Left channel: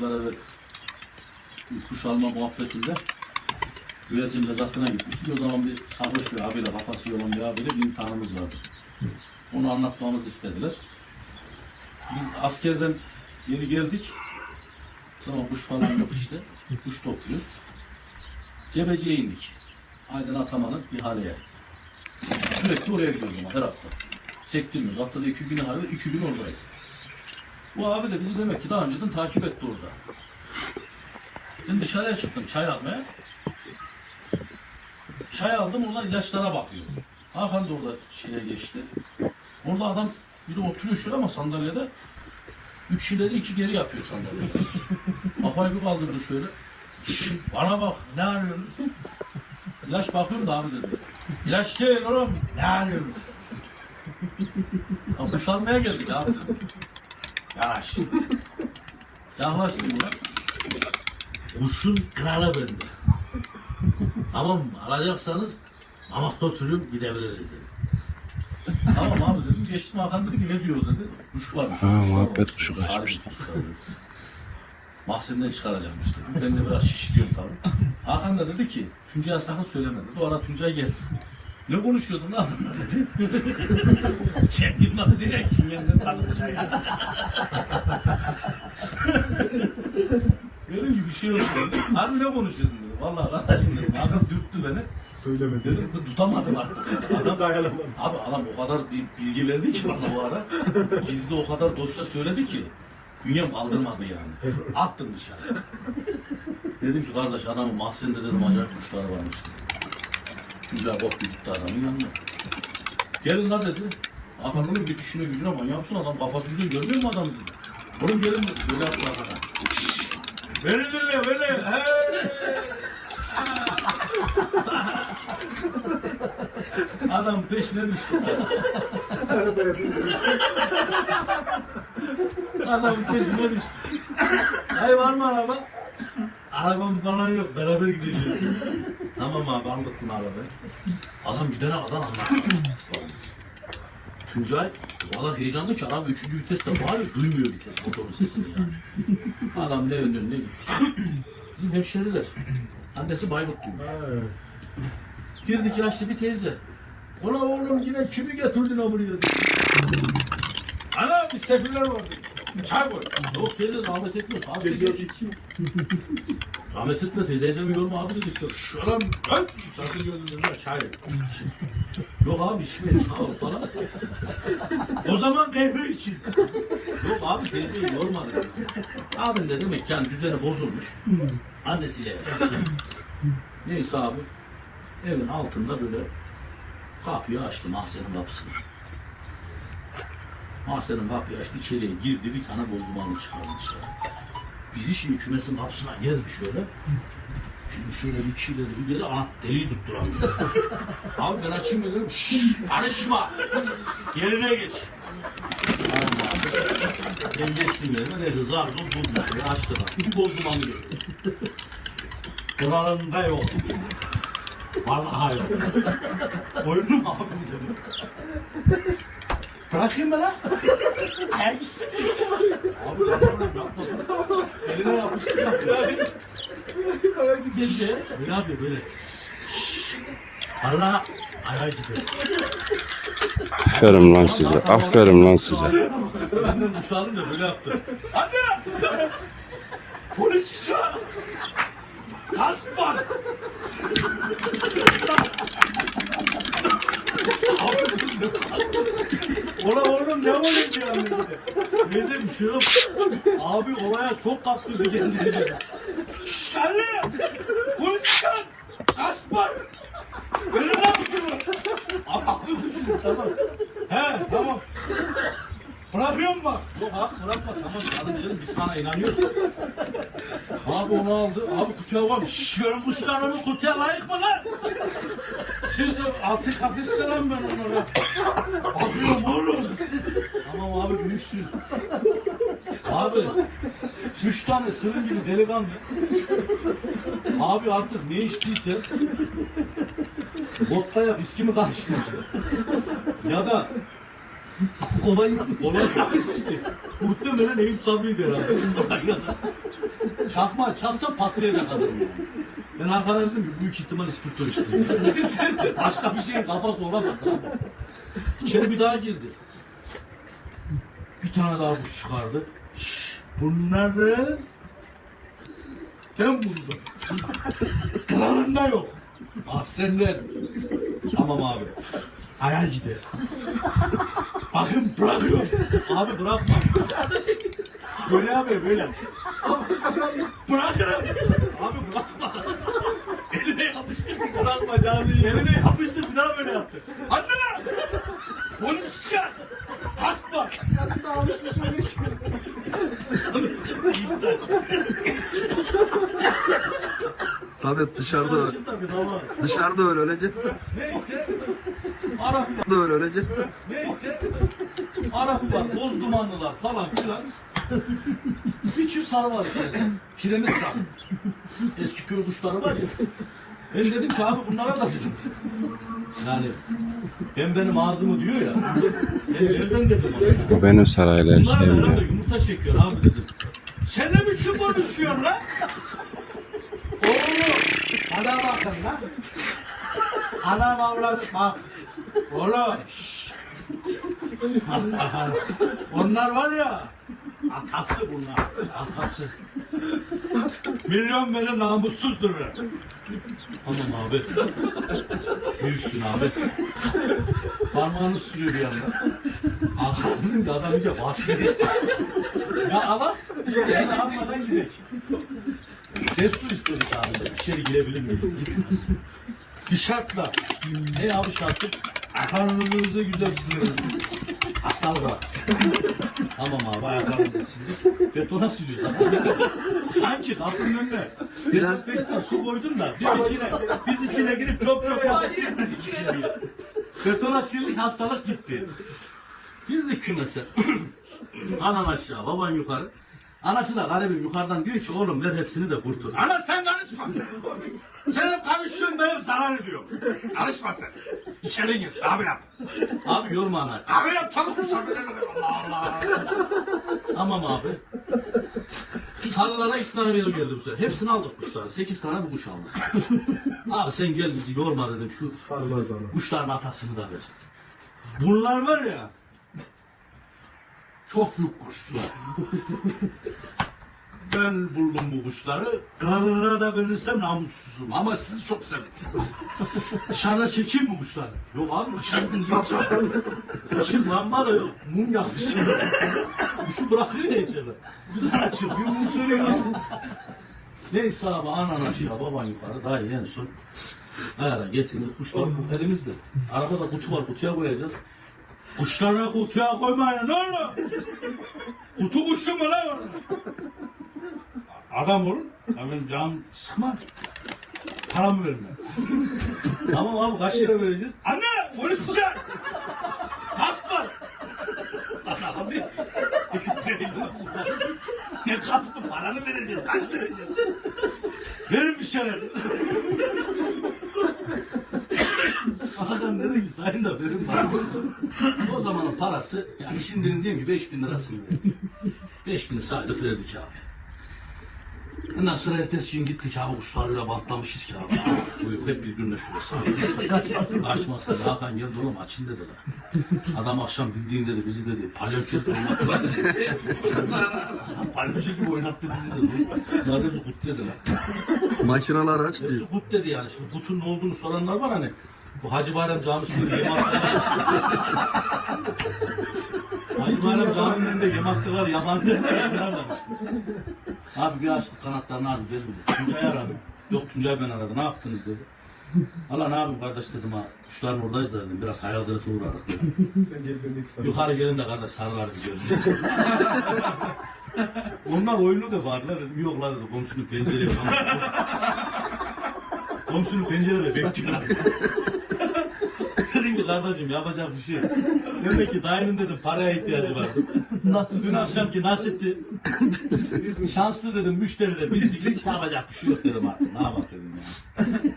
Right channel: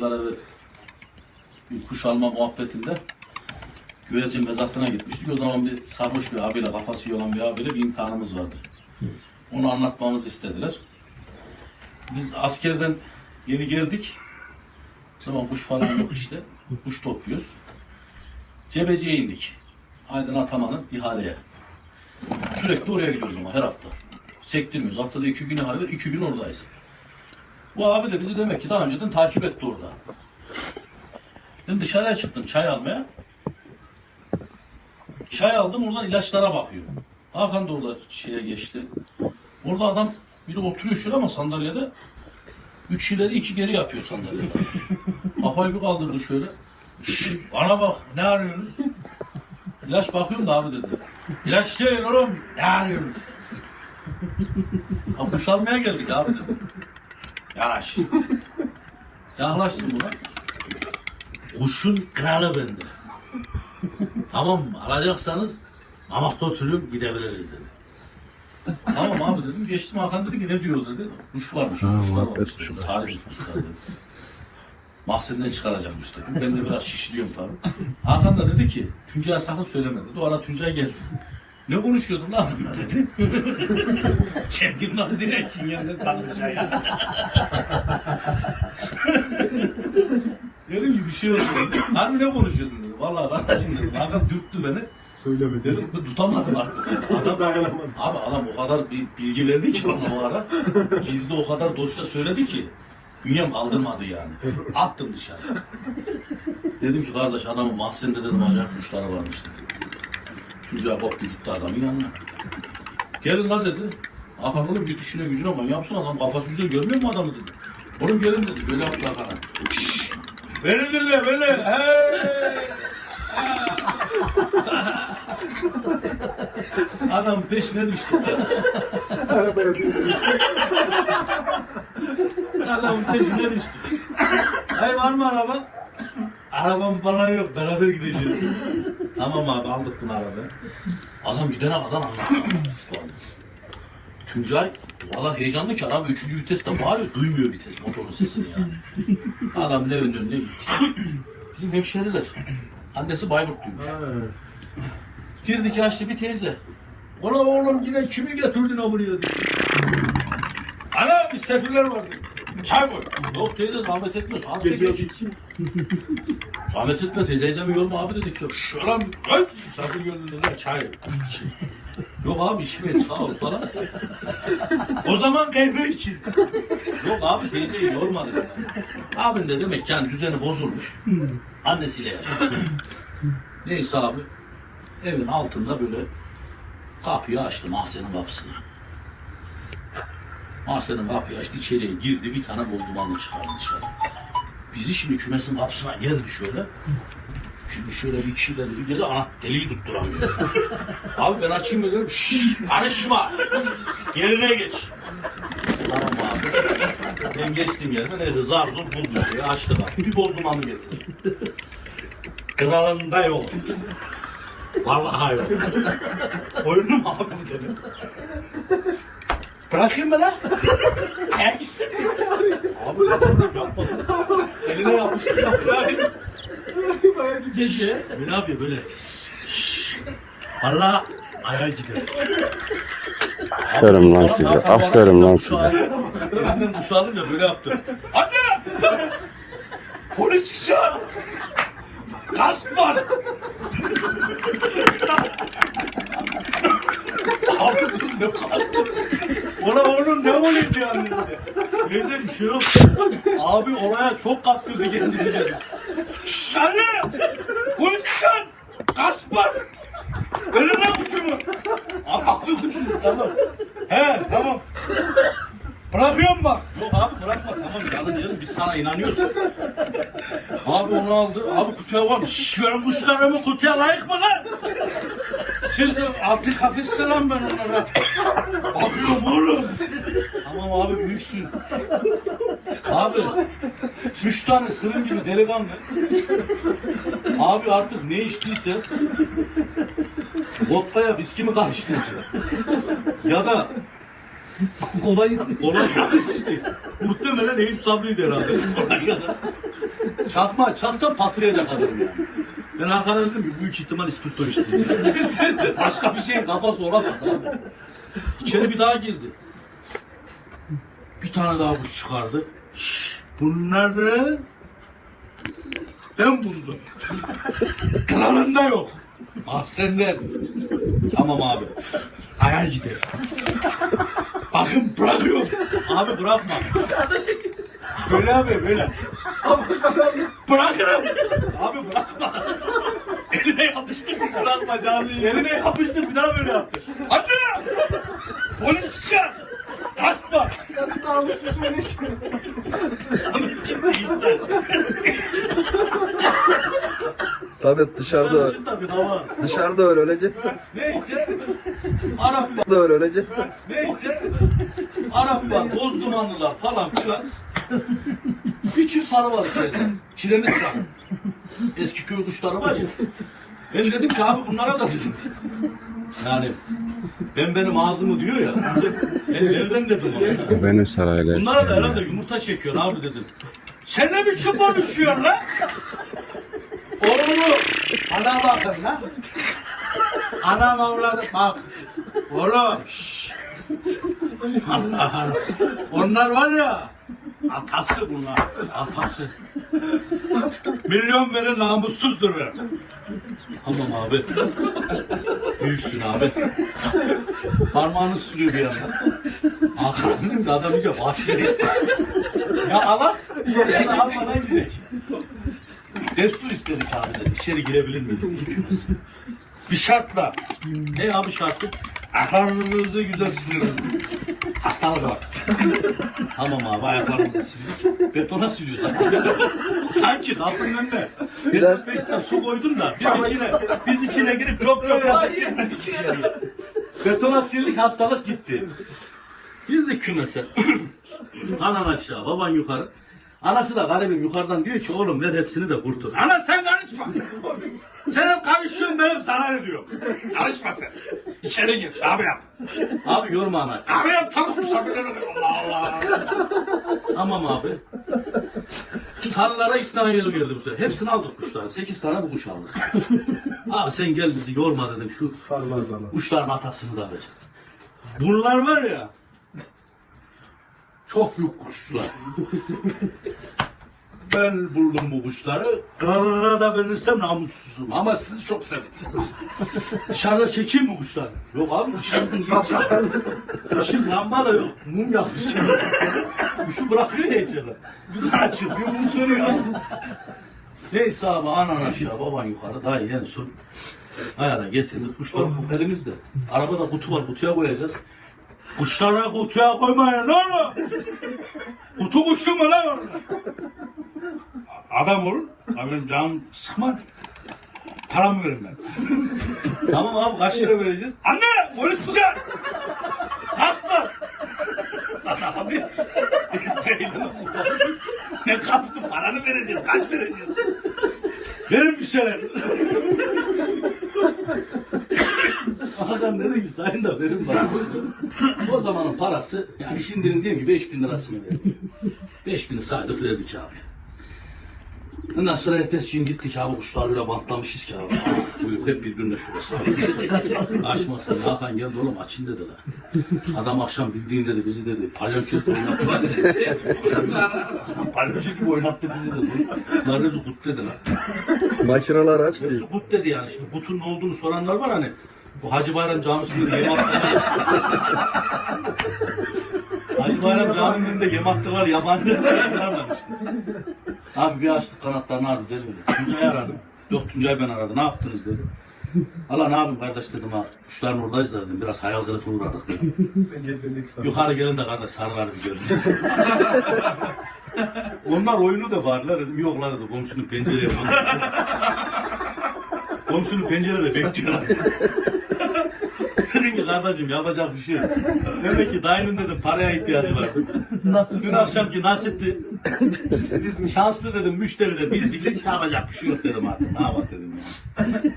Evet, bir kuş alma muhabbetinde güvercin mezatına gitmiştik. O zaman bir sarhoş bir abiyle, kafası iyi olan bir abiyle bir imtihanımız vardı. Onu anlatmamızı istediler. Biz askerden yeni geldik. O zaman kuş falan yok işte. Kuş topluyoruz. Cebeciye indik. Aydın Ataman'ın ihaleye. Sürekli oraya gidiyoruz ama her hafta. Sektirmiyoruz. Haftada iki gün ihale var, iki gün oradayız. Bu abi de bizi demek ki daha önceden takip etti orada. Ben dışarıya çıktım çay almaya. Çay aldım oradan ilaçlara bakıyorum. Hakan da orada şeye geçti. Orada adam biri oturuyor şöyle ama sandalyede. Üç ileri iki geri yapıyor sandalyede. Kafayı bir kaldırdı şöyle. "Şşş, bana bak ne arıyorsunuz? İlaç bakıyorum da abi dedi. İlaç değil oğlum ne arıyorsunuz? Ha kuş almaya geldik abi dedim. Yanaş. Yaklaştım buna. Kuşun kralı bendir. tamam mı? Alacaksanız Mamak'ta oturuyorum gidebiliriz dedi. tamam abi dedim. Geçtim Hakan dedi ki ne diyor dedi. Kuş varmış. Ha, kuş muhabbet kuşu dedi. Mahzenden çıkaracakmış dedi. Ben de biraz şişliyorum tabii. Hakan da dedi ki Tuncay'a sakın söyleme dedi. O ara Tuncay geldi. Ne konuşuyordun lan adamla dedi. Cem Yılmaz direkt yanında tanıtacak ya. Dedim ki bir şey yok dedim. Harbi ne konuşuyordun dedi. Vallahi kardeşim dedim. Hakan dürttü beni. Söyleme Dedim ben tutamadım artık. Adam, Dayanamadım. abi adam o kadar bir bilgi verdi ki bana o ara. Gizli o kadar dosya söyledi ki. Bünyem aldırmadı yani. Attım dışarı. Dedim ki kardeş adamın mahzende dedim acayip kuşları varmış dedi. Tuncay bok gitti adamın yanına. Gelin lan dedi. Hakan oğlum bir düşüne gücüne ama yapsın adam kafası güzel görmüyor mu adamı dedi. Oğlum gelin dedi. Böyle yaptı Hakan'a. Beni dinle beni. Hey. Adam peşine düştü. Adam peşine düştü. Ay var mı araba? Arabam falan yok. Beraber gideceğiz. Tamam abi aldık bunu arabayı. Adam gidene kadar anlattı. Tuncay valla heyecanlı ki araba üçüncü viteste bağırıyor. Duymuyor vites motorun sesini yani. Adam evin önüne gitti. Bizim hemşeriler. Annesi Bayburtluymuş. Girdik yaşlı bir teyze. Ola oğlum yine kimi getirdin ha buraya? Ana misafirler var. diyor. Koy. Yok teyze zahmet etme. Geç. iki. Zahmet etme teyze. Teyzemi yorma abi dedik. Şş lan. Ay. Misafir gördün dediler. Çay yok. Yok abi içmeyiz sağ ol falan. o zaman kahve için. Yok abi teyzeyi yormadı. Abim de demek yani düzeni bozulmuş. Annesiyle yaşıyor. Neyse abi. Evin altında böyle kapıyı açtı mahzenin kapısını. Mahzenin kapıyı açtı içeriye girdi bir tane boz dumanlı çıkardı dışarı. Bizi şimdi kümesin kapısına geldi şöyle. Şimdi şöyle bir kişiyle bir geri ana deliği tutturamıyor. abi ben açayım dedim. Şşş karışma. Yerine geç. Tamam abi. Ben geçtim yerine neyse zar zor buldu şeyi açtı da. Bir boz dumanlı getirdi. Kralında yok. Vallahi yok. Oyunu mu abi dedim. Bırakayım mı lan? Ayak gitsin. Abi yapma. Eline yapmıştım. Bayağı bir gece. Ne yapıyor böyle? Allah ayağa gidiyor. Aferin lan size. Aferin lan size. Elinden kuşu alınca böyle yaptı. Anne! Polis çağır! Gasp var! Abi ne gasp? Ona oğlum ne oluyor diyor annesi de. Neyse bir şey yok. Abi olaya çok kaptırdı kendini dedi. Şşş anne! Gasp var! Verin lan kuşumu! Abi kuşunuz tamam. He tamam. Bırakıyorum bak. Yok abi bırakma tamam canım diyorum biz sana inanıyoruz. Abi onu aldı. Abi kutuya var mı? Şşş benim kuşlarımı kutuya layık mı lan? Siz altı kafeste lan ben onlara. Bakıyorum oğlum. Tamam abi büyüksün. Abi üç tane sırın gibi delikanlı. Abi artık ne içtiyse vodkaya viski mi karıştırmışlar? ya da Kolay. Olay işte. Muhtemelen Eyüp Sabri'ydi herhalde. Olay Çakma çaksa patlayacak adam yani. Ben Hakan'a dedim ki büyük ihtimal ispirto içti. Başka bir şeyin kafası olamaz abi. İçeri bir daha girdi. Bir tane daha kuş çıkardı. Şşş, Bunları ben buldum. Kralında yok. Mahzenden. Tamam abi. Hayal gider. Bakın bırakıyor. Abi bırakma. Böyle abi böyle. Bırakırım. Abi bırakma. Eline yapıştır. Bırakma canım. Eline yapıştır bir daha böyle yaptı. Anne! Polis çağır. Kasma. Alışmış öyle ki. Samet gitti gitti. Samet dışarıda öl. Dışarıda öl öleceksin. Neyse. Arap Da öl öleceksin. Neyse Araplar, boz dumanlılar falan filan. Bir çift sarı var içeride. Kiremit sarı. Eski köy kuşları var ya. Ben dedim ki abi bunlara da dedim. Yani ben benim ağzımı diyor ya. Ben elden dedim ona. O benim sarayla Bunlara da herhalde yumurta çekiyor abi dedim. Sen ne biçim konuşuyorsun lan? Oğlum ana bakın lan. Anam avladı bak. Oğlum şşş. Allah Allah. Onlar var ya. Atası bunlar. Atası. Milyon veren namussuzdur ver. Tamam abi. Büyüksün abi. Parmağını sürüyor bir yandan. Dedim ki adam iyice vazgeçti. ya Allah. Da almadan gidelim. Destur istedik abi de. İçeri girebilir miyiz? Bir şartla. Ne abi şartı? Ayaklarınızı güzel silin. Hastalık var. tamam abi ayaklarımızı sildik. Betona siliyoruz abi. Sanki kapının önüne. Dezenfektan su koydun da biz içine, biz içine girip çok çok girmedik içeriye. Betona sildik hastalık gitti. Girdik kümese. Anan aşağı, baban yukarı. Anası da garibim yukarıdan diyor ki oğlum ver hepsini de kurtul. Ana sen karışma. sen hep karışıyorsun benim sana ne diyorum. Karışma sen. İçeri gir. Abi yap. Abi yorma ana. Abi yap çabuk misafirlere de. Allah Allah. Tamam abi. Sarılara ikna yolu geldi bu sefer. Hepsini aldık kuşları. Sekiz tane bu kuş aldık. abi sen gel bizi yorma dedim. Şu kuşların atasını da ver. Bunlar var ya. Çok büyük kuşlar. ben buldum bu kuşları. Karara da verirsem namussuzum. Ama sizi çok severim. Dışarıda çekeyim mi kuşları? Yok abi niye çekeyim? Işık lamba da yok. Mum yakmış. Kuşu bırakıyor ya içeride. Bir daha açıyor. Bir mum sönüyor. Neyse abi anan aşağı baban yukarı. İyi en son. Ayara getirdik. Kuşlar bu elimizde. Arabada kutu var. Kutuya koyacağız. Kuşlara kutuya koymayın olur. Kutu kuşu mu lan? Adam ol. Abi canım sıkma. Paramı verin ben. tamam abi kaç lira vereceğiz? Anne polis çağır. Kasma. Lan abi. ne kasmı paranı vereceğiz. Kaç vereceğiz? Verin bir şeyler. Adam dedi ki sayın da verin bana. o zamanın parası yani şimdinin değil mi 5000 lirasını verdik. 5000'i saydık verdik abi. Ondan sonra ertesi gün gittik abi kuşlarıyla bantlamışız ki abi. Buyur hep birbirine şurası abi. Açmasın Hakan geldi oğlum açın dediler. Adam akşam bildiğin dedi bizi dedi palyonço gibi oynattılar dedi. palyonço gibi oynattı bizi dedi. Bunlar dedi kut dediler. Makineler aç değil. Kut dedi yani. Şimdi kutun ne olduğunu soranlar var hani. Bu Hacı Bayram Camisi'nde yem hattı. Hacı Bayram Camii'nde yem hattı var. Yabancı var. Bunlar var işte. Abi bir açtık kanatlarını aradı dedi. Tuncay'ı aradım. Yok Tuncay ben aradı. Ne yaptınız dedi. Allah ne yapayım kardeş dedim ha. Kuşlar buradayız da dedim. Biraz hayal kırıklığı uğradık dedim. Sen geldin sana. Yukarı gelin de kardeş sarıları bir görün. Onlar oyunu da varlar dedim. Yok lan dedi. Komşunun pencereye bak. Komşunun pencerede bekliyorlar. dedim ki kardeşim yapacak bir şey yok. Demek ki dayının dedim paraya ihtiyacı var. Nasıl? Dün akşamki nasipli. Şanslı dedim müşteri de biz bildik yapacak bir şey yok dedim artık. Ne yapalım dedim yani.